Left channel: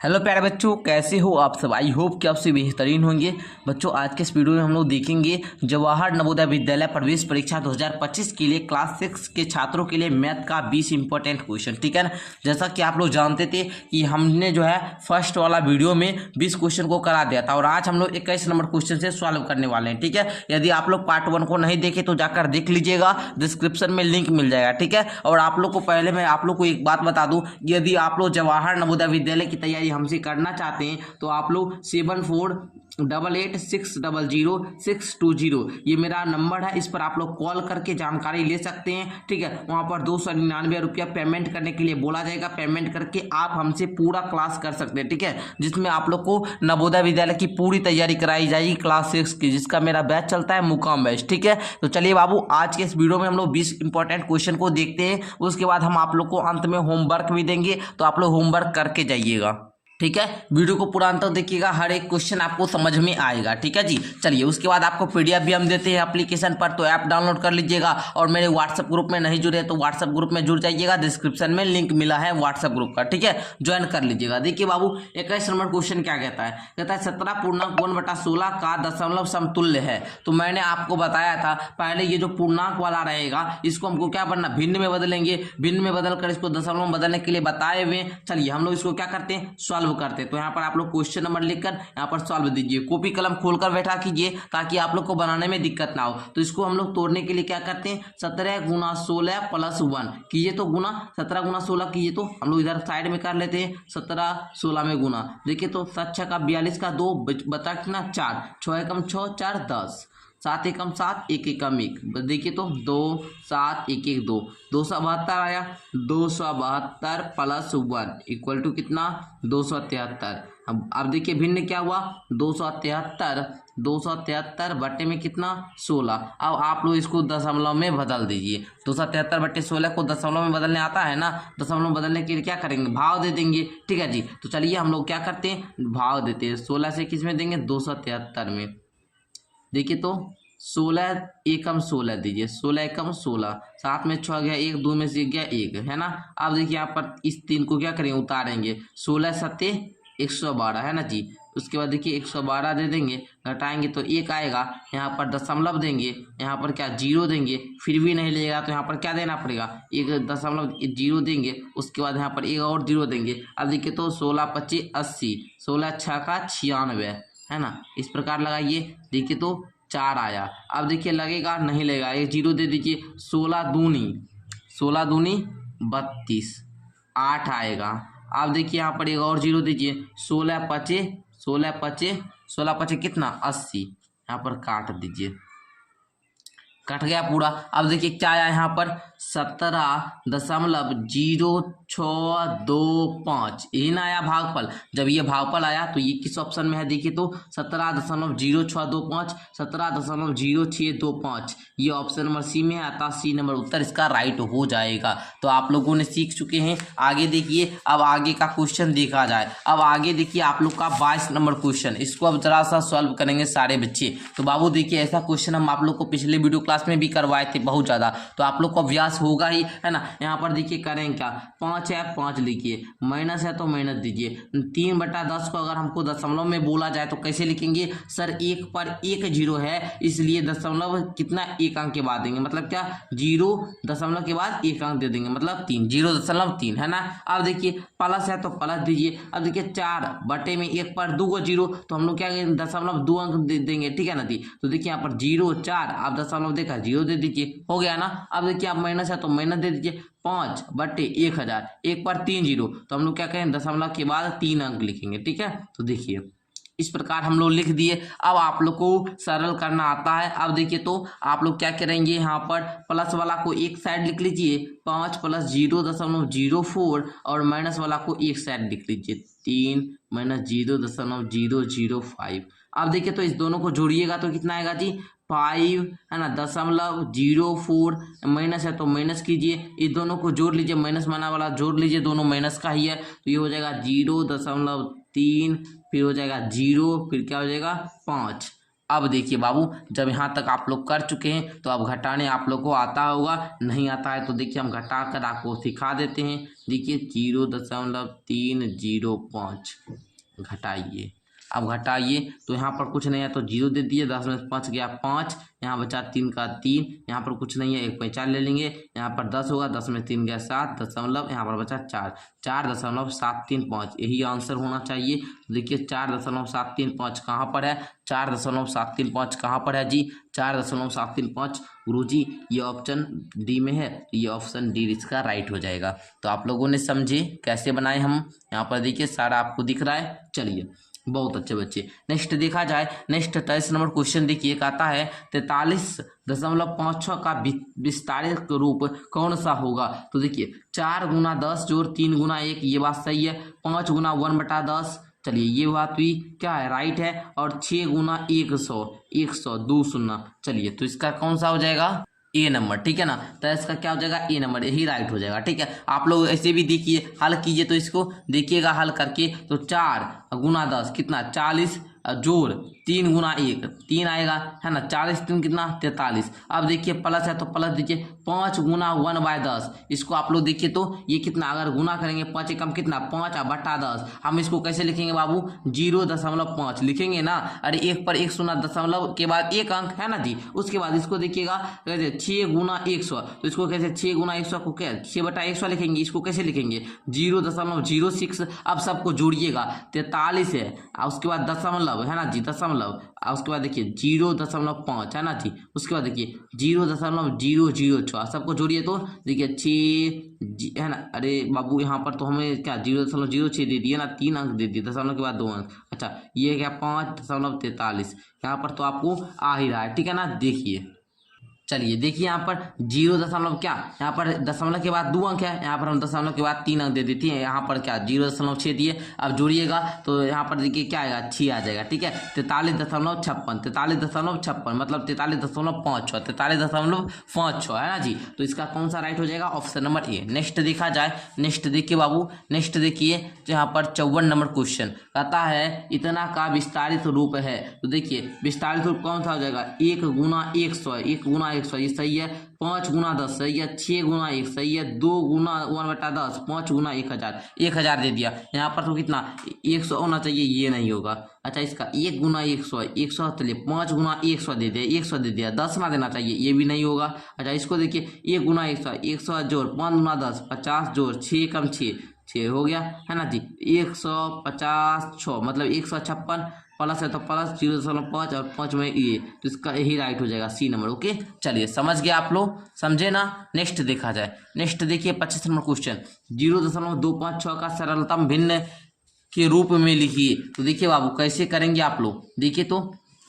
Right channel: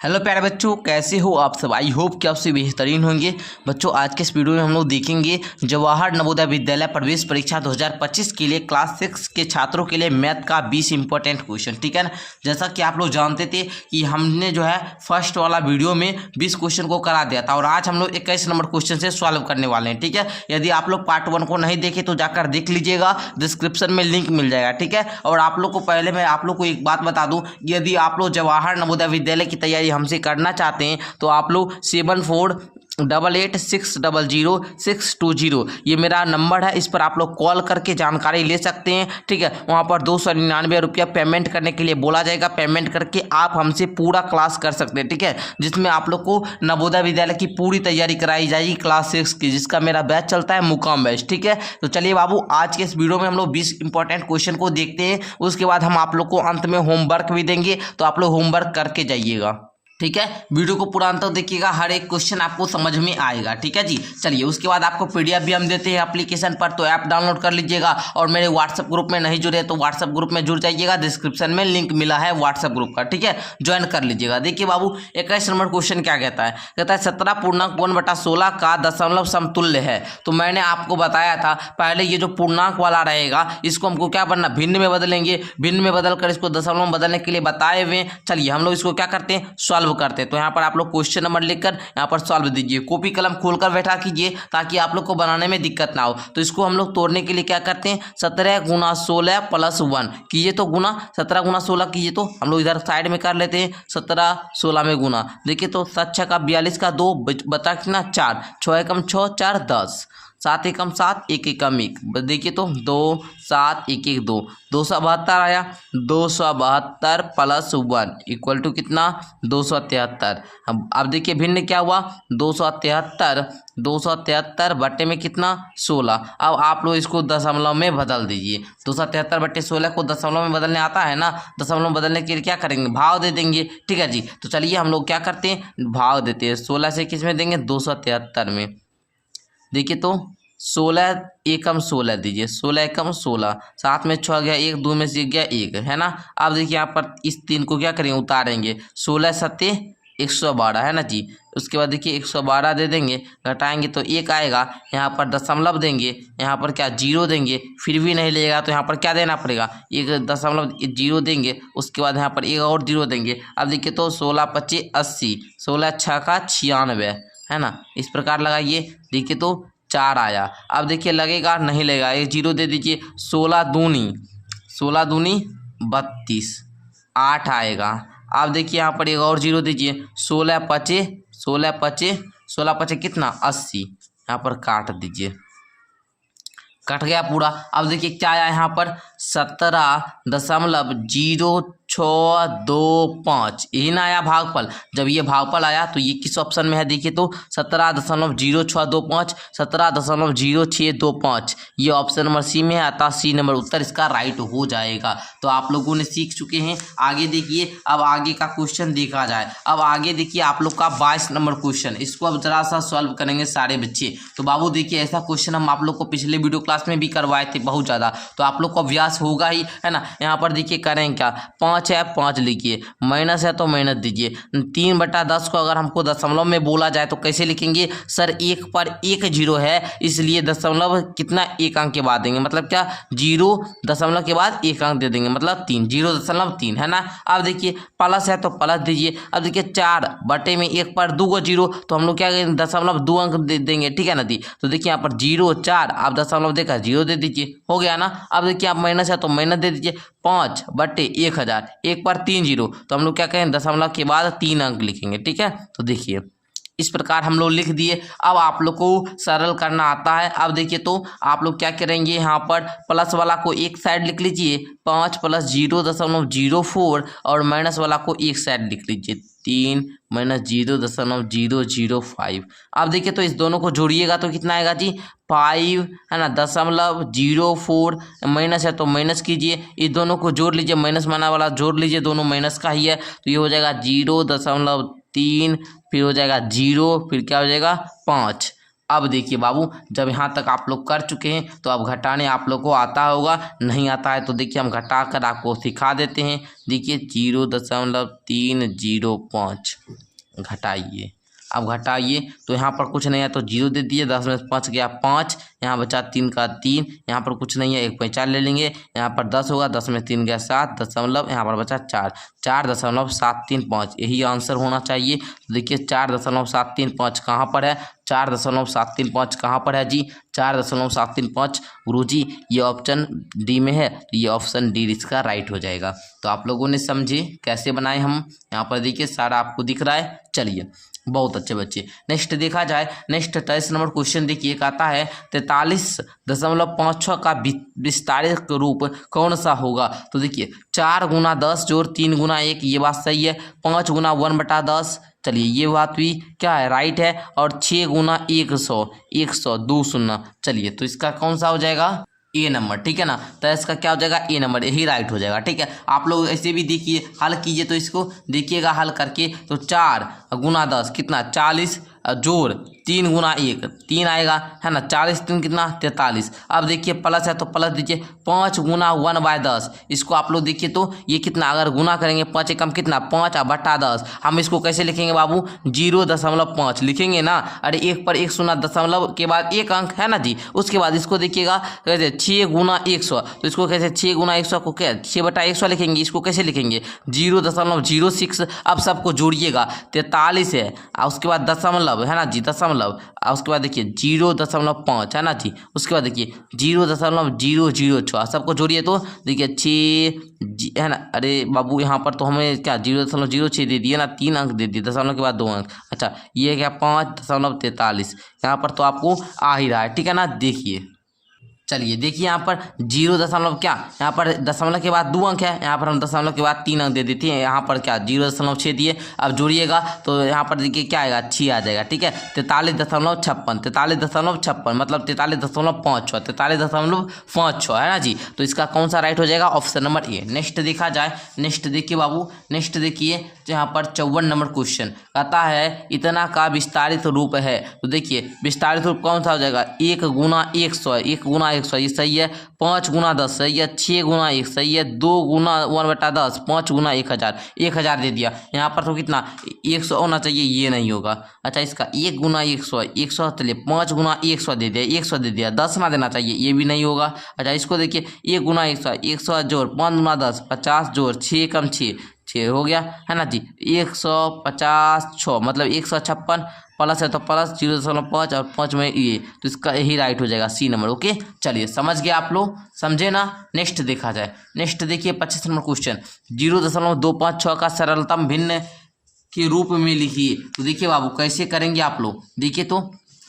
Hello प्यारे बच्चों, कैसे हो आप सब। आई होप कि आप सब बेहतरीन होंगे। बच्चों, आज के इस वीडियो में हम लोग देखेंगे जवाहर नवोदय विद्यालय प्रवेश परीक्षा 2025 के लिए क्लास 6 के छात्रों के लिए मैथ का 20 इंपॉर्टेंट क्वेश्चन। ठीक है ना। जैसा कि आप लोग जानते थे कि हमने जो है फर्स्ट वाला वीडियो में 20 क्वेश्चन को करा दिया था और आज हम लोग 21 नंबर क्वेश्चन से सॉल्व करने वाले हैं। ठीक है। यदि आप लोग पार्ट 1 को नहीं देखे तो जाकर देख लीजिएगा, डिस्क्रिप्शन में लिंक मिल जाएगा। ठीक है। और आप लोग को पहले मैं आप लोग को एक बात बता दूं, यदि आप लोग जवाहर नवोदय विद्यालय की तैयारी हमसे करना चाहते हैं तो आप लोग 7488600620 ये मेरा नंबर है, इस पर आप लोग कॉल करके जानकारी ले सकते हैं। ठीक है। वहां पर 299 रुपया पेमेंट करने के लिए बोला जाएगा। पेमेंट करके आप हमसे पूरा क्लास कर सकते हैं। ठीक है। जिसमें आप लोग को नवोदय विद्यालय की पूरी तैयारी कराई जाएगी क्लास 6 की, जिसका मेरा बैच चलता है मुकाम बैच। ठीक है। तो चलिए बाबू, आज के इस वीडियो में हम लोग 20 इंपॉर्टेंट क्वेश्चन को देखते हैं। उसके बाद हम आप लोग को अंत में होमवर्क भी देंगे, तो आप लोग होमवर्क करके जाइएगा। ठीक है। वीडियो को पूरा अंत तक देखिएगा, हर एक क्वेश्चन आपको समझ में आएगा। ठीक है जी। चलिए, उसके बाद आपको पीडीएफ भी हम देते हैं एप्लीकेशन पर, तो ऐप डाउनलोड कर लीजिएगा। और मेरे व्हाट्सएप ग्रुप में नहीं जुड़े तो व्हाट्सएप ग्रुप में जुड़ जाइएगा, डिस्क्रिप्शन में लिंक मिला है व्हाट्सएप ग्रुप का। ठीक है, ज्वाइन कर लीजिएगा। देखिए बाबू, 21 नंबर क्वेश्चन क्या कहता है। कहता है 17.1/16 का दशमलव समतुल्य है। तो मैंने आपको बताया था पहले, ये जो पूर्णांक वाला रहेगा इसको हमको क्या बनना, भिन्न में बदलेंगे। भिन्न में बदल कर इसको दशमलव में बदलने के लिए बताए हुए। चलिए हम लोग इसको क्या करते हैं, सॉल्व करते हैं। तो यहाँ पर आप लोग क्वेश्चन नंबर लिखकर यहाँ पर सॉल्व दीजिए। कॉपी कलम खोलकर बैठा कीजिए ताकि आप लोग को बनाने में दिक्कत ना हो। तो इसको हम लोग तोड़ने के लिए क्या करते हैं, 17 × 16 + 1 कीजिए तो गुना, 17 × 16 कीजिए तो हम लोग इधर साइड में कर लेते हैं। 17 16 में गुना, देखिए तो 7 6 का 42 का 2 बता कितना 4, 6 एकम 6 4 10, 7 एकम 7 1 एकम 1, देखिए तो 2 7 1 1 2, 272 आया। 272 + 1 इक्वल टू कितना, 273। अब देखिए भिन्न क्या हुआ, 273 बट्टे में कितना 16। अब आप लोग इसको दशमलव में बदल दीजिए। 273/16 को दशमलव में बदलने आता है ना। दशमलव में बदलने के लिए क्या करेंगे, भाव दे देंगे। ठीक है जी। तो चलिए हम लोग क्या करते हैं, भाव देते हैं। 16 से किस में देंगे, 273 में। देखिए तो 16 एकम 16 दीजिए, 16 एकम 16, 7 में 6 गया 1, 2 में से गया 1, है ना। अब देखिए यहाँ पर इस 3 को क्या करेंगे, उतारेंगे। 16 7 112 है ना जी। उसके बाद देखिए 112 दे देंगे, घटाएंगे तो 1 आएगा। यहाँ पर दशमलव देंगे, यहाँ पर क्या 0 देंगे, फिर भी नहीं लेगा तो यहाँ पर क्या देना पड़ेगा, 1.0 देंगे। उसके बाद यहाँ पर 1 और 0 देंगे। अब देखिए तो 16 25 80, 16 6 का 96, है ना। इस प्रकार लगाइए। देखिए तो 4 आया। अब देखिए लगेगा, नहीं लगेगा, 1 0 दे दीजिए। 16 दूनी 32, 8 आएगा। अब देखिए यहाँ पर 1 और 0 दीजिए। 16 5 कितना 80, यहाँ पर काट दीजिए, कट गया पूरा। अब देखिए क्या आया यहाँ पर, 17.0625, यही ना आया भागफल। जब ये भागफल आया तो ये किस ऑप्शन में है, देखिए तो 17.0625, 17.0625 ये ऑप्शन नंबर सी में आता। सी नंबर उत्तर इसका राइट हो जाएगा। तो आप लोगों ने सीख चुके हैं। आगे देखिए, अब आगे का क्वेश्चन देखा जाए। अब आगे देखिए आप लोग का 22 नंबर क्वेश्चन, इसको अब जरा सा सॉल्व करेंगे सारे बच्चे। तो बाबू देखिए, ऐसा क्वेश्चन हम आप लोग को पिछले वीडियो क्लास में भी करवाए थे बहुत ज़्यादा, तो आप लोग को अभ्यास होगा ही, है ना। यहाँ पर देखिए करें क्या, 5 है 5 लिखिए, माइनस है तो माइनस दीजिए। 3/10 को अगर हमको दशमलव में बोला जाए तो कैसे लिखेंगे, सर 1 पर 1 0 है, इसलिए दशमलव कितना 1 अंक के बाद देंगे, मतलब क्या 0 दशमलव के बाद 1 अंक दे देंगे, मतलब 3, 0.3, है ना। अब देखिए प्लस है तो प्लस दीजिए। अब देखिए 4 बटे में 1 पर 2 को 0, तो हम लोग क्या करेंगे, दशमलव 2 अंक दे देंगे। ठीक है ना दी। तो देखिए यहाँ पर 0 4, आप दशमलव देखा 0 दे दीजिए, हो गया ना। अब देखिए आप माइनस है तो माइनस दे दीजिए। 5/1000, 1 पर 3 0, तो हम लोग क्या करें, दशमलव के बाद 3 अंक लिखेंगे। ठीक है। तो देखिए इस प्रकार हम लोग लिख दिए। अब आप लोग को सरल करना आता है। अब देखिए तो आप लोग क्या करेंगे, यहाँ पर प्लस वाला को एक साइड लिख लीजिए, 5 + 0.04, और माइनस वाला को एक साइड लिख लीजिए, 3 - 0.005। अब देखिए तो इस दोनों को जोड़िएगा तो कितना आएगा जी, 5, है ना, 0.04, माइनस है तो माइनस कीजिए। इस दोनों को जोड़ लीजिए, माइनस माना वाला जोड़ लीजिए, दोनों माइनस का ही है। तो ये हो जाएगा 0.3, फिर हो जाएगा 0, फिर क्या हो जाएगा 5। अब देखिए बाबू, जब यहाँ तक आप लोग कर चुके हैं तो अब घटाने आप लोग को आता होगा, नहीं आता है तो देखिए हम घटा कर आपको सिखा देते हैं। देखिए 0.305 घटाइए। अब घटाइए तो यहाँ पर कुछ नहीं है तो 0 दे दिए, 10 में 5 गया 5, यहाँ बचा 3 का 3, यहाँ पर कुछ नहीं है 1 पैंचाल ले लेंगे, यहाँ पर 10 होगा, 10 में 3 गया 7 दशमलव, यहाँ पर बचा 4, 4.735, यही आंसर होना चाहिए। तो देखिए 4.735 कहाँ पर है, 4.735 कहाँ पर है जी, 4.735 गुरुजी ये ऑप्शन डी में है, तो ये ऑप्शन डी इसका राइट हो जाएगा। तो आप लोगों ने समझे कैसे बनाए हम, यहाँ पर देखिए सारा आपको दिख रहा है। चलिए बहुत अच्छे बच्चे, नेक्स्ट देखा जाए, नेक्स्ट 23 नंबर क्वेश्चन देखिए, आता है 43.56 का विस्तारित रूप कौन सा होगा। तो देखिए 4 गुना 10 जोड़ 3 गुना 1, ये बात सही है। 5 गुना 1/10, चलिए ये बात भी क्या है, राइट है। और 6 गुना 100 2 शून्य, चलिए तो इसका कौन सा हो जाएगा, ए नंबर, ठीक है ना। तो इसका क्या हो जाएगा, ए नंबर, यही राइट हो जाएगा, ठीक है। आप लोग ऐसे भी देखिए, हल कीजिए तो इसको देखिएगा हल करके, तो 4 गुना 10 कितना 40, जोड़ 3 गुना 1 3 आएगा, है ना, 40 3 कितना 43। अब देखिए प्लस है तो प्लस दीजिए, 5 गुना 1/10, इसको आप लोग देखिए तो ये कितना, अगर गुना करेंगे 5 एकम कितना 5/10, हम इसको कैसे लिखेंगे बाबू, 0.5 लिखेंगे ना। अरे 1 पर 1 शून्य दशमलव के बाद 1 अंक है ना जी। उसके बाद इसको देखिएगा कैसे 6 गुना 100, तो इसको कैसे 6 गुना 100 को क्या 6/100 लिखेंगे, इसको कैसे लिखेंगे 0.06। अब सबको जोड़िएगा, 43 है, उसके बाद दशमलव है ना जी, दशमलव, उसके बाद देखिए 0.5 है ना जी, उसके बाद देखिए 0.006, सबको जोड़िए तो देखिए 6 है ना। अरे बाबू यहाँ पर तो हमें क्या 0.06 दे दिए ना, 3 अंक दे दिए, दशमलव के बाद 2 अंक। अच्छा ये क्या 5.43, यहाँ पर तो आपको आ ही रहा है, ठीक है ना। देखिए चलिए देखिए यहाँ पर 0 दशमलव क्या, यहाँ पर दशमलव के बाद 2 अंक है, यहाँ पर हम दशमलव के बाद 3 अंक दे देते हैं, यहाँ पर क्या 0.6 दिए। अब जोड़िएगा तो यहाँ पर देखिए क्या आएगा 6 आ जाएगा, ठीक है। 43.56 मतलब 43.56 है ना जी। तो इसका कौन सा राइट हो जाएगा, ऑप्शन नंबर ए। नेक्स्ट देखा जाए, नेक्स्ट देखिए बाबू, नेक्स्ट देखिए यहाँ पर 54 नंबर क्वेश्चन कहता है इतना का विस्तारित रूप है। तो देखिए विस्तारित रूप कौन सा हो जाएगा, 1 गुना 100, 1 गुना 100 ये सही है, 5 गुना 10 सही है, 6 गुना 1 सही है, 2 गुना 1/10, 5 गुना 1000, 1000 दे दिया। यहाँ पर तो कितना 100 होना चाहिए, ये नहीं होगा। अच्छा इसका 1 गुना 100 चलिए 5 गुना 100 दे दिया, 100 दे दिया, 10 ना देना चाहिए, ये भी नहीं होगा। अच्छा इसको देखिए 1 गुना 100 जोड़ 5 गुना 10 50 जोड़ 6 कम 6 हो गया, है ना जी। 156 मतलब 156, प्लस है तो प्लस 0.5 और 5 में ये, तो इसका यही राइट हो जाएगा, सी नंबर। ओके चलिए समझ गए आप लोग, समझे ना। नेक्स्ट देखा जाए, नेक्स्ट देखिए 25 नंबर क्वेश्चन, 0.256 का सरलतम भिन्न के रूप में लिखिए। तो देखिए बाबू कैसे करेंगे आप लोग, देखिए तो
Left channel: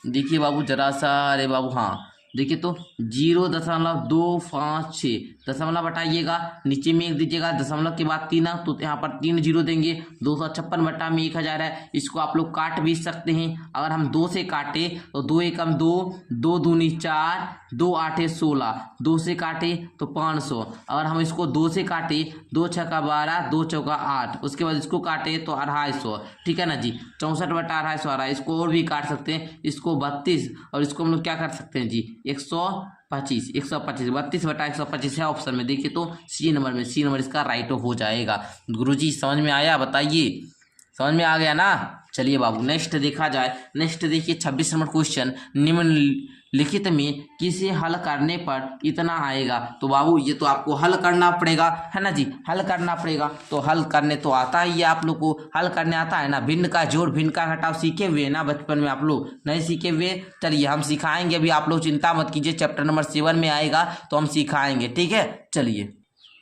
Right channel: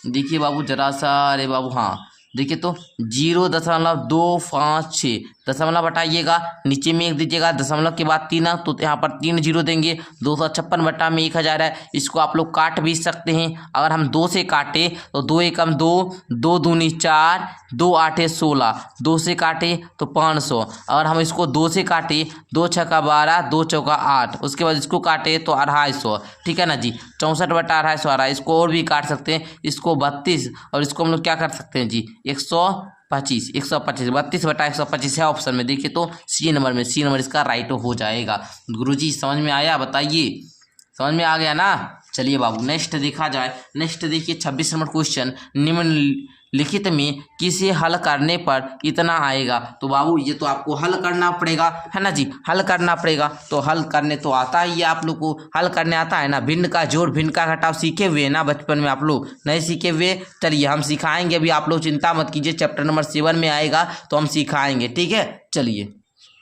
देखिए बाबू जरा सा, अरे बाबू हाँ देखिए तो 0.256 दशमलव हटाइएगा, नीचे में 1 दीजिएगा, दशमलव के बाद 3 अंक, तो यहाँ पर 3 जीरो देंगे। 256 बटा में 1000 है, इसको आप लोग काट भी सकते हैं। अगर हम 2 से काटे तो 2 एकम 2, 2 दूनी 4, 2 आठे 16, 2 से काटे तो 500। अगर हम इसको 2 से काटे, 2 छक्का 12, 2 चौका 8, उसके बाद इसको काटे तो 250, ठीक है ना जी। 64 बटा 250 आ रहा है, इसको और भी काट सकते हैं, इसको 32, और इसको हम लोग क्या कर सकते हैं जी 125, 32 बटा 125 है ऑप्शन में। देखिए तो सी नंबर में, सी नंबर इसका राइट हो जाएगा। गुरुजी समझ में आया, बताइए समझ में आ गया ना। चलिए बाबू नेक्स्ट देखा जाए, नेक्स्ट देखिए 26 नंबर क्वेश्चन, निम्नलिखित में किसे हल करने पर इतना आएगा। तो बाबू ये तो आपको हल करना पड़ेगा, है ना जी, हल करना पड़ेगा। तो हल करने तो आता ही है आप लोग को, हल करने आता है ना। भिन्न का जोड़ भिन्न का घटाव सीखे हुए ना बचपन में, आप लोग नहीं सीखे हुए, चलिए हम सिखाएंगे अभी, आप लोग चिंता मत कीजिए, चैप्टर नंबर 7 में आएगा तो हम सिखाएंगे, ठीक है। चलिए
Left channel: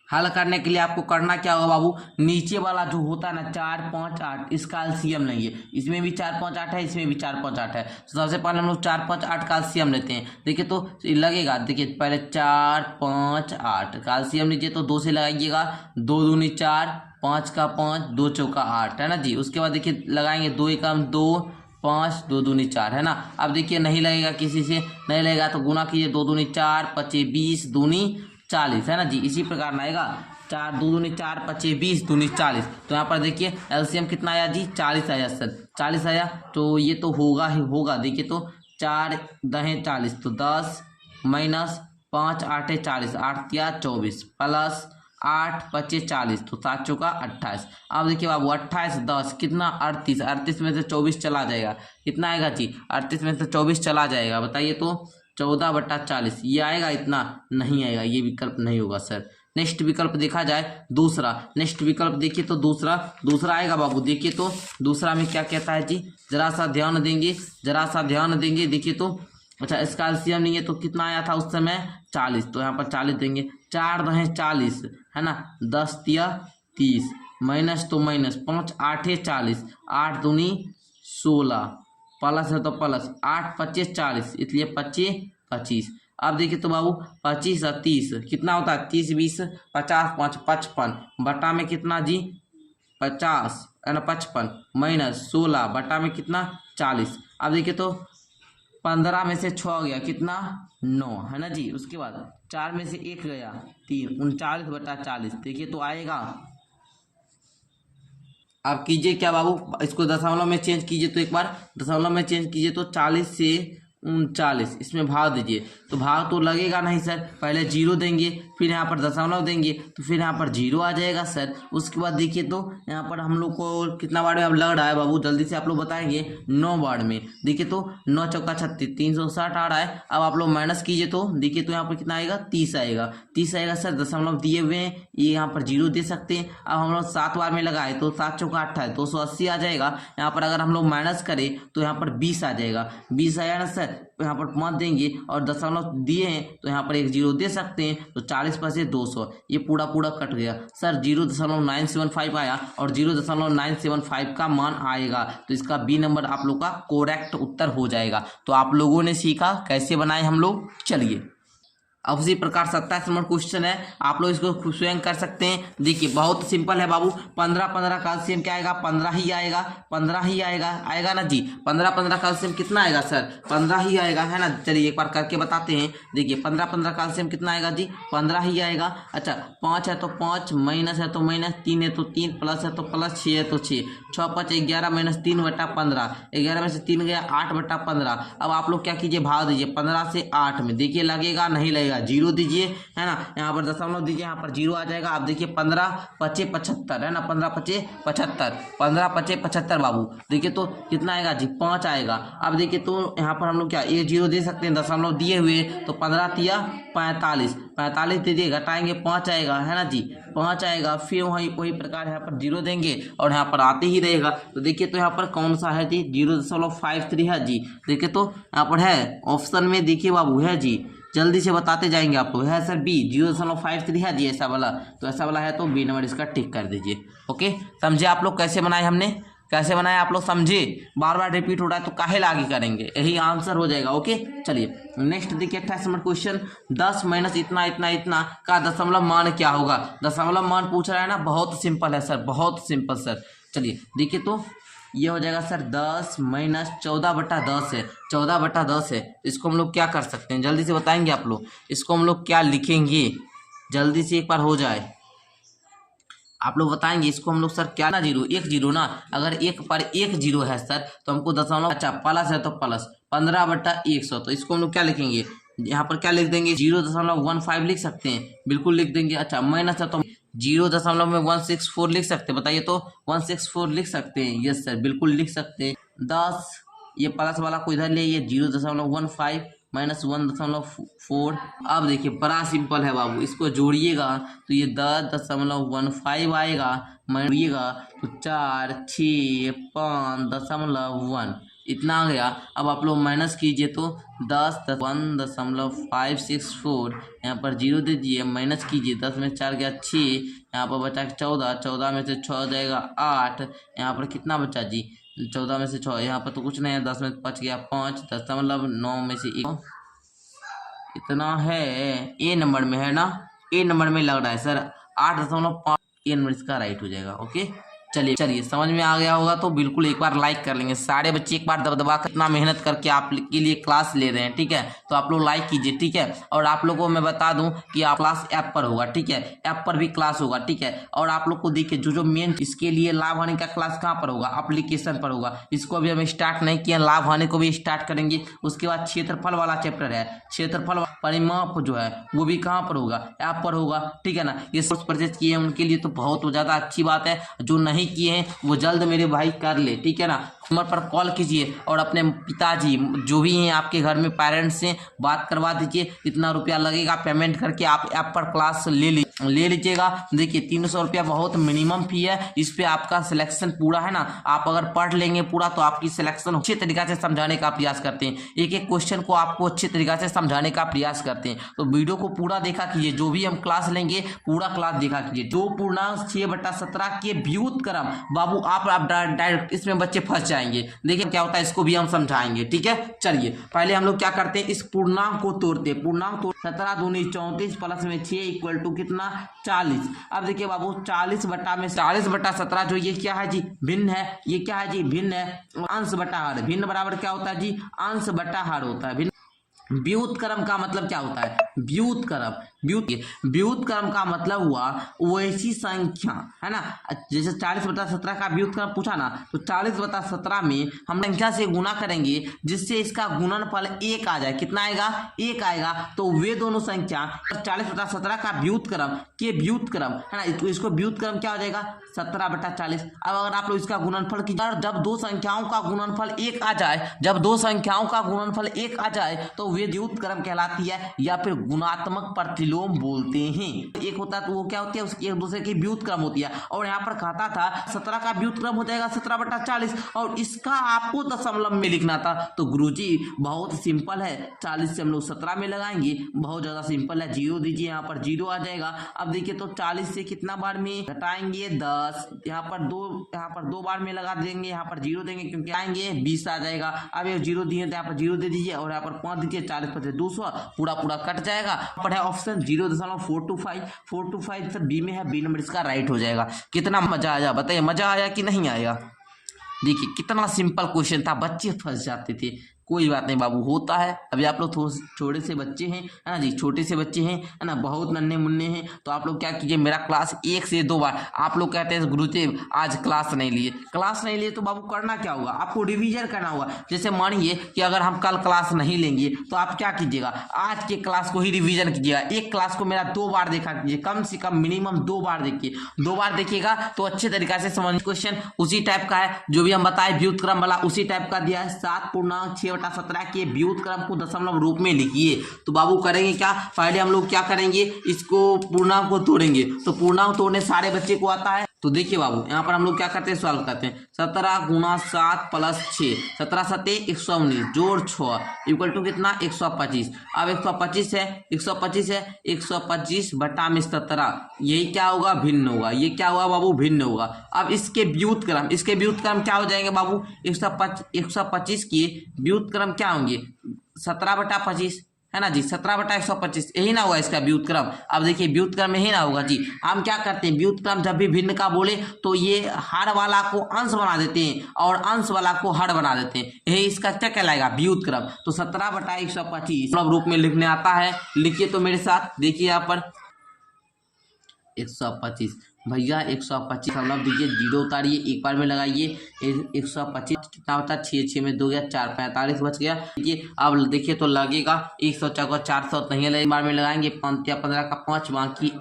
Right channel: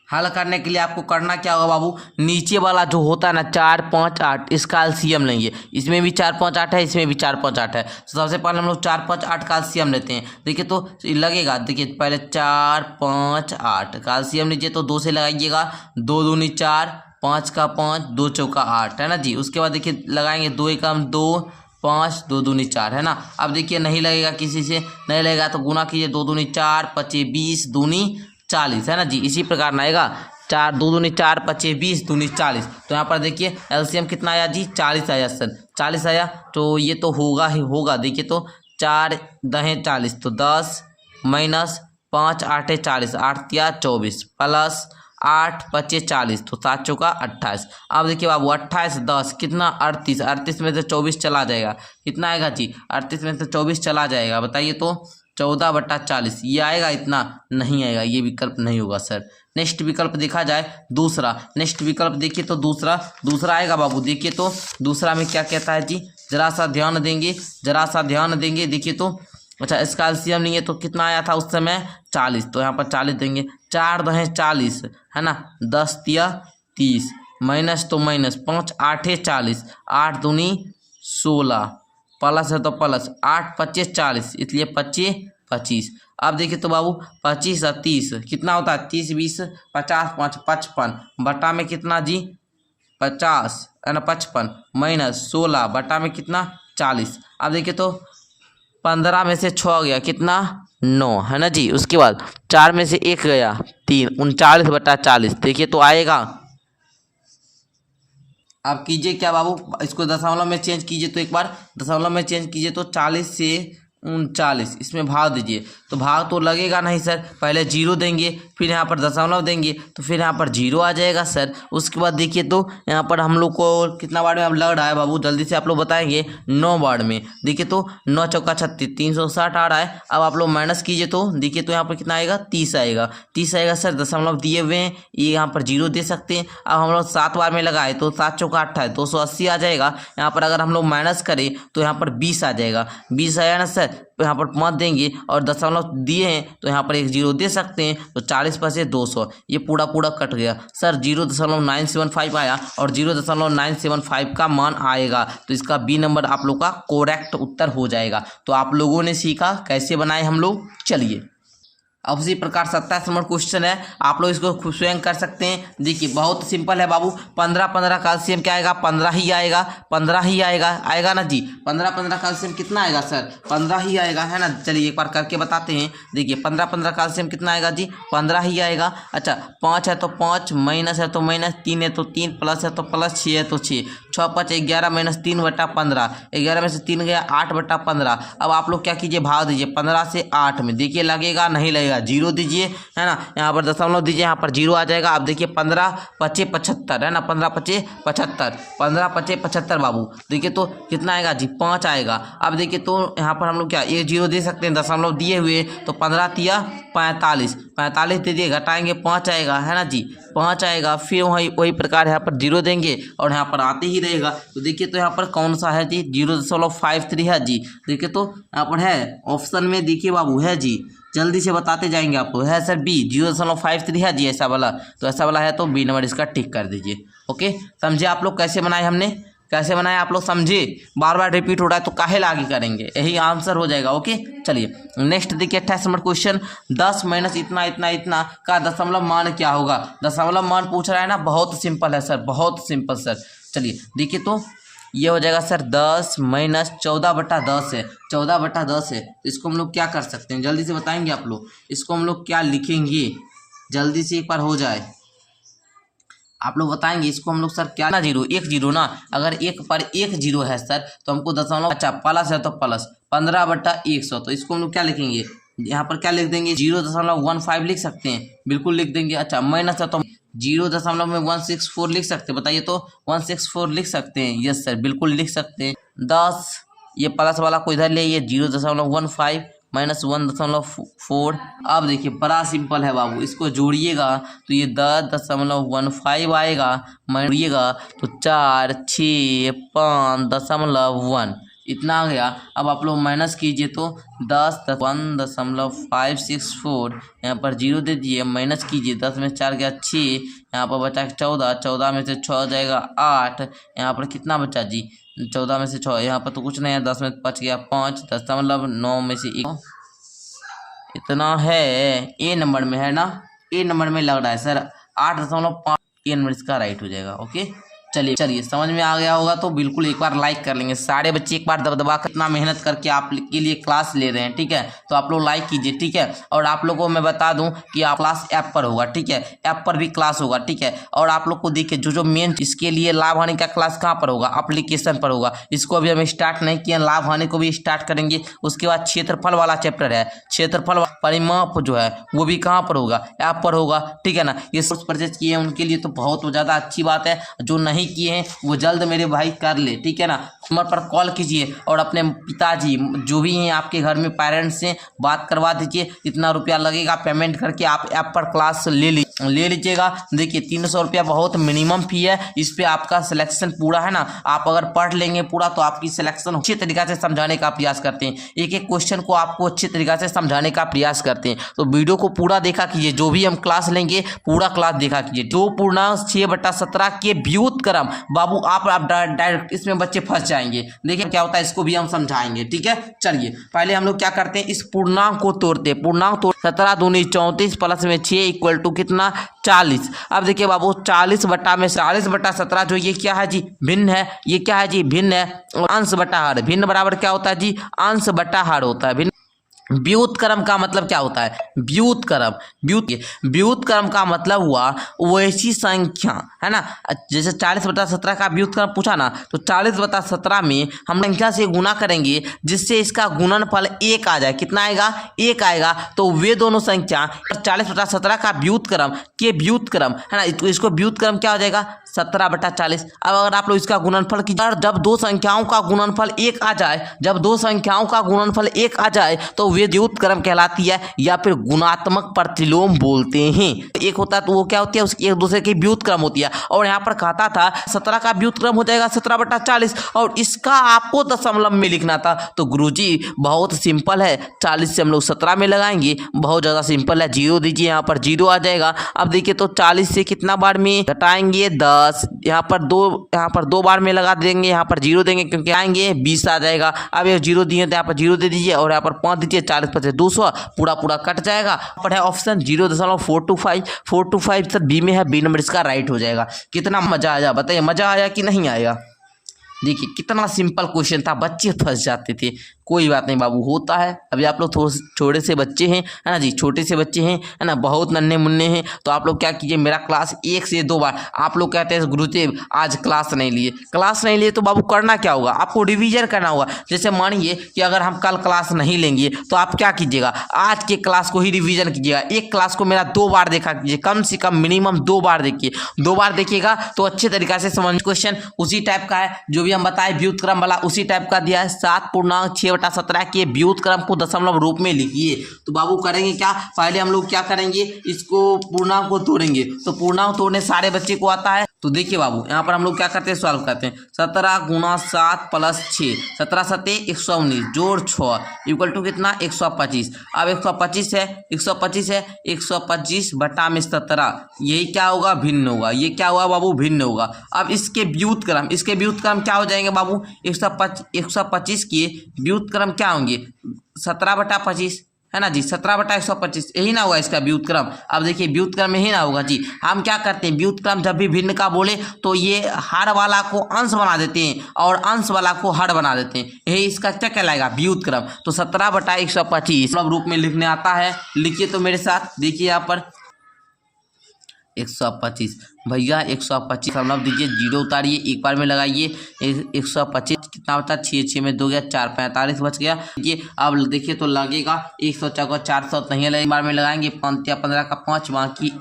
हल करने के लिए आपको करना क्या होगा बाबू, नीचे वाला जो होता है ना 4 5 8, इसका एलसीएम लेंगे। इसमें भी 4 5 8 है, इसमें भी 4 5 8 है। तो सबसे पहले हम लोग 4 5 8 का एलसीएम लेते हैं। देखिए तो लगेगा, देखिए पहले 4 5 8 का एलसीएम लीजिए, तो 2 से लगाइएगा, 2 दूनी 4, 5 का 5, 2 चौका 8, है ना जी। उसके बाद देखिए लगाएंगे 2 एकम 2, 5, 2 दूनी 4, है ना। अब देखिए नहीं लगेगा, किसी से नहीं लगेगा तो गुना कीजिए, 2 दूनी 4, 25 20 दूनी 40, है ना जी। इसी प्रकार ना आएगा, 4 2 दूनी 4, 25 20 दूनी 40। तो यहाँ पर देखिए एलसीएम कितना आया जी 40 आया सर, 40 आया, तो ये तो होगा ही होगा। देखिए तो 4 दहें 40 तो 10 माइनस 5 8 40 8 तिया 24 प्लस 8 25 40 तो 7 चौका 28। अब देखिए बाबू 28 10 कितना 38 38 में से 24 चला जाएगा, कितना आएगा जी 38 में से 24 चला जाएगा, बताइए तो 14/40 ये आएगा, इतना नहीं आएगा, ये विकल्प नहीं होगा सर। नेक्स्ट विकल्प देखा जाए दूसरा, नेक्स्ट विकल्प देखिए तो दूसरा आएगा बाबू। देखिए तो दूसरा में क्या कहता है जी, जरा सा ध्यान देंगे, जरा सा ध्यान देंगे। देखिए तो अच्छा इसका एलसीएम नहीं है तो कितना आया था उस समय 40, तो यहाँ पर 40 देंगे। 4 दहें 40 है ना, 10 तिया 30 माइनस तो माइनस 5 8 40 8 दूनी 16 प्लस है तो प्लस 8 25 40 इसलिए 25 25। अब देखिए तो बाबू 25 और 30 कितना होता है 30 20 50 5 55 बटा में कितना जी 50 है ना 55 माइनस 16 बटा में कितना 40। अब देखिए तो 15 में से 6 गया कितना 9 है ना जी, उसके बाद 4 में से 1 गया 3 39/40 देखिए तो आएगा। आप कीजिए क्या बाबू, इसको दशमलव में चेंज कीजिए, तो एक बार दशमलव में चेंज कीजिए तो 40 से 39 इसमें भाग दीजिए, तो भाग तो लगेगा नहीं सर, पहले जीरो देंगे फिर यहाँ पर दशमलव देंगे तो फिर यहाँ पर जीरो आ जाएगा सर। उसके बाद देखिए तो यहाँ पर हम लोग को कितना बार में अब लग रहा है बाबू, जल्दी से आप लोग बताएंगे 9 बार में। देखिए तो 9 चौका 36 360 आ रहा है। अब आप लोग माइनस कीजिए तो देखिए तो यहाँ पर कितना आएगा 30 आएगा, 30 आएगा सर, दशमलव दिए हुए हैं, ये यहाँ पर जीरो दे सकते हैं। अब हम लोग 7 बार में लगाए तो 7 चौका 28 280 आ जाएगा। यहाँ पर अगर हम लोग माइनस करें तो यहाँ पर 20 आ जाएगा, 20 आया ना सर, तो यहाँ पर मत देंगे और दशमलव दिए हैं तो यहाँ पर एक जीरो दे सकते हैं, तो 40 पर से 200 ये पूरा कट गया सर। 0.975 आया और 0.975 का मान आएगा, तो इसका बी नंबर आप लोग का करेक्ट उत्तर हो जाएगा। तो आप लोगों ने सीखा कैसे बनाए हम लोग, चलिए अब उसी प्रकार 27 नंबर क्वेश्चन है, आप लोग इसको स्वयं कर सकते हैं। देखिए बहुत सिंपल है बाबू, 15 का एलसीएम क्या आएगा 15 ही आएगा, 15 ही आएगा ना जी। 15 का एलसीएम कितना आएगा सर 15 ही आएगा है ना। चलिए एक बार करके बताते हैं। देखिए 15 का एलसीएम कितना आएगा जी 15 ही आएगा। अच्छा 5 है तो 5 माइनस है तो माइनस 3 है तो 3 प्लस है तो प्लस 6 है तो 6 6 5 11 माइनस 3/15 11 में से 3 गया 8/15। अब आप लोग क्या कीजिए भाग दीजिए 15 से 8 में, देखिए लगेगा नहीं लगेगा, जीरो दीजिए है ना, यहाँ पर दशमलव दीजिए, यहाँ पर जीरो आ जाएगा। अब देखिए 15 25 75 है ना, 15 25 75 15 25 75 बाबू, देखिए तो कितना आएगा जी 5 आएगा। अब देखिए तो यहाँ पर हम लोग क्या एक जीरो दे सकते हैं, दशमलव दिए हुए तो 15 तिया 45 45 दे दिए, घटाएंगे 5 आएगा है ना जी 5 आएगा। फिर वही प्रकार यहाँ पर जीरो देंगे और यहाँ पर आते ही रहेगा। तो देखिए तो यहाँ पर कौन सा है जी 0.53 है जी। देखिए तो यहाँ पर है ऑप्शन में, देखिए बाबू है जी, जल्दी से बताते जाएंगे आपको, है सर बी 0.53 है जी ऐसा वाला, तो ऐसा वाला है तो बी नंबर इसका टिक कर दीजिए। ओके समझे आप लोग कैसे बनाए, हमने कैसे बनाया आप लोग समझे, बार बार रिपीट हो रहा है तो काहे आगे करेंगे, यही आंसर हो जाएगा। ओके चलिए नेक्स्ट देखिए 28 नंबर क्वेश्चन, 10 माइनस इतना इतना इतना का दशमलव मान क्या होगा। दशमलव मान पूछ रहा है ना, बहुत सिंपल है सर, बहुत सिंपल सर। चलिए देखिए तो ये हो जाएगा सर 10 माइनस 14/10 है, 14/10 है। इसको हम लोग क्या कर सकते हैं, जल्दी से बताएंगे आप लोग, इसको हम लोग क्या लिखेंगे, जल्दी से एक बार हो जाए, आप लोग बताएंगे इसको हम लोग सर क्या ना, जीरो एक जीरो ना, अगर एक पर एक जीरो है सर तो हमको दशमलव, अच्छा प्लस है तो प्लस 15/100, तो इसको हम लोग क्या लिखेंगे, यहाँ पर क्या लिख देंगे 0.15 लिख सकते हैं, बिल्कुल लिख देंगे। अच्छा माइनस है तो 0.164 लिख सकते हैं, बताइए तो 164 लिख सकते हैं, यस सर बिल्कुल लिख सकते हैं। 10 ये प्लस वाला को इधर ले, ये 0.15 माइनस 1.4। अब देखिए बड़ा सिंपल है बाबू, इसको जोड़िएगा तो ये 10.15 आएगा, जोड़िएगा तो 4 6 5.1 इतना आ गया। अब आप लोग माइनस कीजिए तो 10.1.564 यहाँ पर जीरो दे दिए, माइनस कीजिए 10 में 4 गया 6, यहाँ पर बचा 14, 14 में से 6 जाएगा 8, यहाँ पर कितना बचा जी 14 में से 6, यहाँ पर तो कुछ नहीं है, 10 में 5 गया 5, 10.9 में से 1 इतना है। ए नंबर में है ना, ए नंबर में लग रहा है सर 8.5, ए नंबर इसका राइट हो जाएगा। ओके चलिए चलिए समझ में आ गया होगा तो बिल्कुल एक बार लाइक कर लेंगे सारे बच्चे, एक बार दबदबा कर इतना मेहनत करके आप के लिए क्लास ले रहे हैं, ठीक है, तो आप लोग लाइक कीजिए, ठीक है। और आप लोगों को मैं बता दूं कि आप क्लास ऐप पर होगा, ठीक है, ऐप पर भी क्लास होगा, ठीक है। और आप लोग को देखिए जो मेन इसके लिए लाभ हानि का क्लास कहाँ पर होगा, एप्लीकेशन पर होगा। इसको अभी हम स्टार्ट नहीं किए, लाभ हानि को भी स्टार्ट करेंगे। उसके बाद क्षेत्रफल वाला चैप्टर है, क्षेत्रफल परिमाप जो है वो भी कहाँ पर होगा, ऐप पर होगा, ठीक है ना। ये सोर्स परचेज किए हैं उनके लिए तो बहुत ज़्यादा अच्छी बात है, जो नहीं किए हैं वो जल्द मेरे भाई कर ले, ठीक है ना। नंबर पर कॉल कीजिए और अपने पिताजी जो भी हैं आपके घर में पेरेंट्स से बात करवा दीजिए, इतना रुपया लगेगा पेमेंट करके आप ऐप पर क्लास ले लीजिएगा। देखिए 300 रुपया बहुत मिनिमम फी है, इस पे आपका सिलेक्शन पूरा है ना। आप अगर पढ़ लेंगे पूरा तो आपकी सिलेक्शन अच्छे तरीके से समझाने का प्रयास करते हैं, एक एक क्वेश्चन को आपको अच्छे तरीके से समझाने का प्रयास करते हैं। तो वीडियो को पूरा देखा कीजिए, जो भी हम क्लास लेंगे पूरा क्लास देखा कीजिए। 2/6/17 के व्युत्क्रम बाबू आप डायरेक्ट इसमें बच्चे फंस जाएंगे। देखिए क्या होता है इसको भी हम समझाएंगे, ठीक है। चलिए पहले हम लोग क्या करते हैं, इस पूर्णांक को तोड़ते हैं। पूर्णांक तोड़ 17 दूनी 34 प्लस में 6 इक्वल टू कितना 40। अब देखिए बाबू 40/17 जो ये क्या है जी, भिन्न है। ये क्या है जी, भिन्न है। और अंश बटा हर, भिन्न बराबर क्या होता है जी, अंश बटा हर होता है। भिन्न व्युत्क्रम का मतलब क्या होता है, व्युत्क्रम का मतलब हुआ वैसी संख्या है ना। जैसे 40/17 का व्युत्क्रम पूछा ना, तो 40/17 में हम संख्या से गुना करेंगे जिससे इसका गुणनफल 1 आ जाए। कितना आएगा, 1 आएगा। तो वे दोनों संख्या 40/17 का व्युत्क्रम के व्युत्क्रम है ना, तो इसको व्युत्क्रम क्या हो जाएगा 17/40। अब अगर आप लोग इसका गुणनफल कीजिए, जब दो संख्याओं का गुणनफल 1 आ जाए, जब दो संख्याओं का गुणनफल 1 आ जाए तो वे व्युत्क्रम कहलाती है, या फिर गुणात्मक प्रतिलोम बोलते हैं। एक होता है तो वो क्या होती है, उसकी एक दूसरे की व्युत्क्रम होती है। और यहाँ पर कहता था 17 का व्युत्क्रम हो जाएगा 17/40 और इसका आपको दशमलव में लिखना था। तो गुरुजी बहुत सिंपल है, 40 से हम लोग 17 में लगाएंगे, बहुत ज़्यादा सिंपल है। 0 दीजिए, यहाँ पर 0 आ जाएगा। अब देखिए तो 40 से कितना बार में घटाएंगे 10, यहाँ पर 2 बार में लगा देंगे, यहाँ पर 0 देंगे क्योंकि आएंगे 20 आ जाएगा। अब ये 0 दिए तो यहाँ पर 0 दे दीजिए और यहाँ पर 5 दीजिए, 40 × 200 पूरा कट जाएगा। पर है ऑप्शन 0.425, 425 सर बी में है, बी नंबर इसका राइट हो जाएगा। कितना मजा आया बताइए, मजा आया कि नहीं आया। देखिए कितना सिंपल क्वेश्चन था, बच्चे फंस जाते थे। कोई बात नहीं बाबू, होता है। अभी आप लोग थोड़े छोटे से बच्चे हैं है ना जी, छोटे से बच्चे हैं है ना, बहुत नन्हे मुन्ने हैं। तो आप लोग क्या कीजिए, मेरा क्लास 1 से 2 बार। आप लोग कहते हैं गुरुदेव आज क्लास नहीं लिए, तो बाबू करना क्या होगा, आपको रिवीजन करना होगा। जैसे मानिए कि अगर हम कल क्लास नहीं लेंगे तो आप क्या कीजिएगा, आज के क्लास को ही रिविजन कीजिएगा। एक क्लास को मेरा 2 बार देखा कीजिए, कम से कम मिनिमम 2 बार देखिए। 2 बार देखिएगा तो अच्छे तरीके से समझ। क्वेश्चन उसी टाइप का है जो भी हम बताए व्युत्क्रम वाला, उसी टाइप का दिया है। 7/6/17 के व्युत्क्रम को दशमलव रूप में लिखिए। तो बाबू करेंगे क्या, पहले हम लोग क्या करेंगे, इसको पूर्णांक को तोड़ेंगे। तो पूर्णांक तोड़ने सारे बच्चे को आता है। तो देखिए बाबू यहाँ पर हम लोग क्या करते हैं, सॉल्व करते हैं। 17 × 7 + 6, 17 × 7 = 119 जोड़ 6 इक्वल टू कितना 125। अब 125 है, 125 बटा में 17, यही क्या होगा, भिन्न होगा। ये क्या हुआ बाबू, भिन्न होगा। अब इसके व्युत्क्रम क्या हो जाएंगे बाबू, 125 के व्युत्क्रम क्या होंगे 17/25 है ना जी, 17/125 यही ना होगा इसका व्युत्क्रम। अब देखिए व्युत्क्रम यही ना होगा जी। हम क्या करते हैं, व्युत्क्रम जब भी भिन्न का बोले तो ये हर वाला को अंश बना देते हैं और अंश वाला को हर बना देते हैं। यही इसका क्या कहलाएगा, व्युत्क्रम। तो 17/125 रूप में लिखने आता है। लिखिए तो मेरे साथ, देखिए यहाँ पर 125 भैया 125 दशमलव दीजिए, 0 उतारिए, एक बार में लगाइए। 125 कितना बचा, 6 में 2 गया 4, 45 बच गया। देखिए अब देखिए तो लगेगा 104 400 नहीं है, एक बार में लगाएंगे। 5 × 15 का 5 बाकी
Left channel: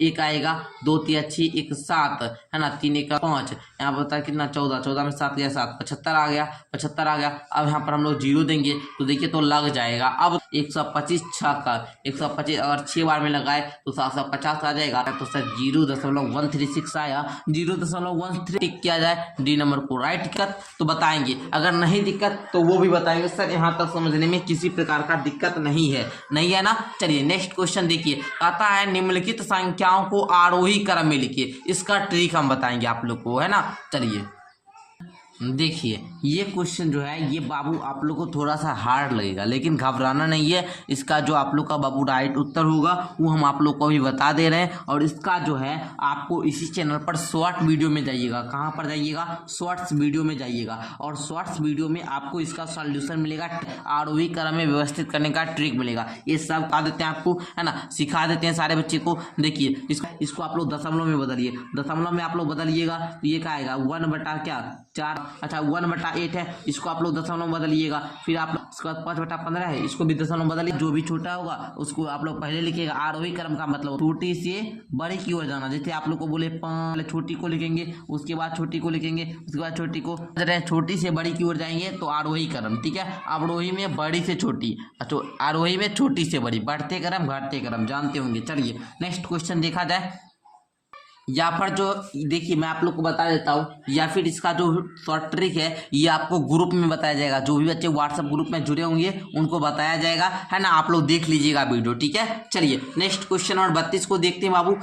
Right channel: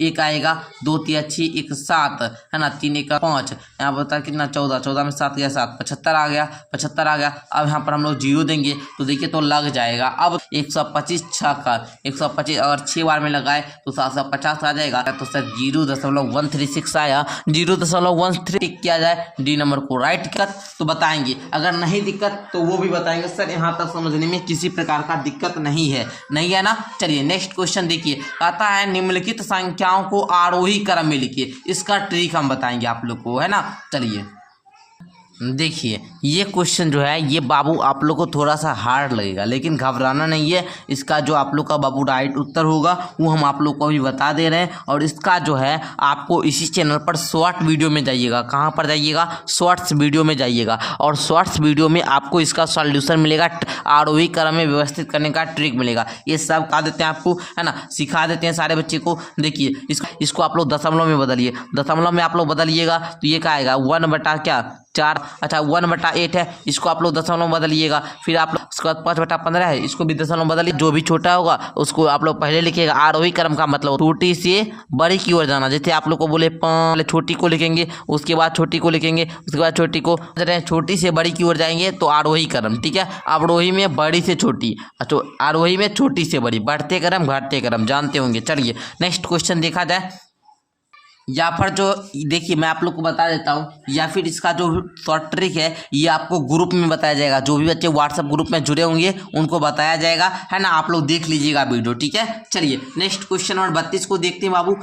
1 आएगा। 2 × 3 = 6 1 7 है ना, 3 × 1 = 5। यहाँ बता कितना 14 में 7 गया 7, 75 आ गया। अब यहाँ पर हम लोग 0 देंगे तो देखिए तो लग जाएगा। अब 125 6 का 125 अगर 6 बार में लगाए तो 750 आ जाएगा। तो सर 0.136 आया, 0.136 किया जाए, डी नंबर को राइट। दिक्कत तो बताएंगे, अगर नहीं दिक्कत तो वो भी बताएंगे। सर यहाँ तक समझने में किसी प्रकार का दिक्कत नहीं है ना। चलिए नेक्स्ट क्वेश्चन देखिए, आता है निम्नलिखित संख्याओं को आरोही क्रम में लिखिए। इसका ट्रिक हम बताएंगे आप लोग को, है ना। चलिए देखिए ये क्वेश्चन जो है ये बाबू आप लोग को थोड़ा सा हार्ड लगेगा, लेकिन घबराना नहीं है। इसका जो आप लोग का बाबू राइट उत्तर होगा वो हम आप लोग को अभी बता दे रहे हैं। और इसका जो है आपको इसी चैनल पर शॉर्ट वीडियो में जाइएगा। कहाँ पर जाइएगा? शॉर्ट्स वीडियो में जाइएगा। और शॉर्ट्स वीडियो में आपको इसका सॉल्यूशन मिलेगा, आरोही क्रम में व्यवस्थित करने का ट्रिक मिलेगा। ये सब बता देते हैं आपको, है ना, सिखा देते हैं सारे बच्चे को। देखिए इसको आप लोग दशमलव में बदलिए। दशमलव में आप लोग बदलिएगा तो ये क्या आएगा? 1/4। अच्छा 1/8 है, इसको आप लोग दशमलव में बदलिएगा। फिर आप लोग उसके बाद 5/15 है, इसको भी दशमलव में बदलिए। जो भी छोटा होगा उसको आप लोग पहले लिखिएगा। आरोही क्रम का मतलब छोटी से बड़ी की ओर जाना। जैसे आप लोग को बोले पहले छोटी को लिखेंगे, उसके बाद छोटी को लिखेंगे, उसके बाद छोटी को, छोटी से बड़ी की ओर जाएंगे तो आरोही क्रम। ठीक है, आरोही में बड़ी से छोटी, अच्छा आरोही में छोटी से बड़ी, बढ़ते क्रम घटते क्रम जानते होंगे। चलिए नेक्स्ट क्वेश्चन देखा जाए। या फिर जो देखिए मैं आप लोग को बता देता हूँ, या फिर इसका जो शॉर्ट ट्रिक है ये आपको ग्रुप में बताया जाएगा। जो भी बच्चे व्हाट्सएप ग्रुप में जुड़े होंगे उनको बताया जाएगा, है ना। आप लोग देख लीजिएगा वीडियो, ठीक है। चलिए नेक्स्ट क्वेश्चन नंबर 32 को देखते हैं बाबू।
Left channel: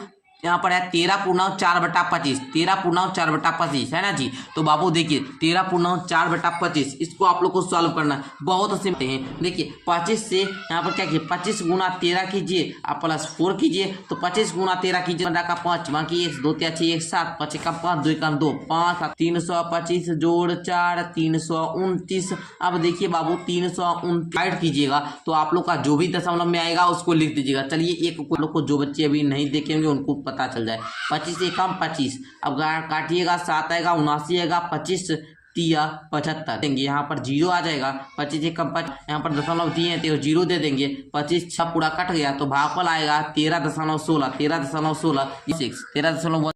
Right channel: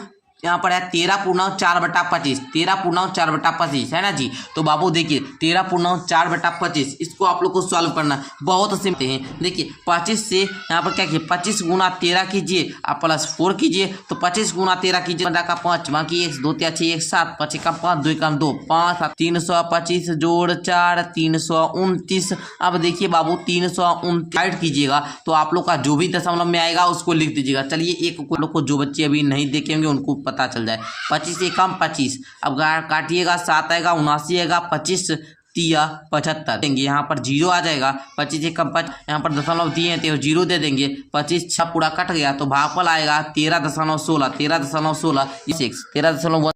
यहाँ पर है 13/4/25, 13/4/25, है ना जी। तो बाबू देखिए 13/4/25 इसको आप लोग को सॉल्व करना बहुत सिंपल है। देखिए 25 से यहाँ पर क्या कीजिए, 25 गुना 13 कीजिए, आप +4 कीजिए। तो 25 गुना 13 कीजिए, 15 का 5, बाकी 1 2 3 6 1 7, 5 का 5, 2 का 2, 5 325 जोड़ 4 329। अब देखिए बाबू 329 कीजिएगा तो आप लोग का जो भी दशमलव में आएगा उसको लिख दीजिएगा। चलिए एक लोग को जो बच्चे अभी नहीं देखेंगे उनको पता चल जाए। 25 से कम 25, अब काटिएगा 7 आएगा, 79 आएगा, 25 तिया 75 देंगे। यहाँ पर 0 आ जाएगा, 25 से कम 5, यहाँ पर दशमलव दिए हैं तो 0 दे देंगे। 25 6 पूरा कट गया तो भागफल आएगा 13.16, 13.16 13.1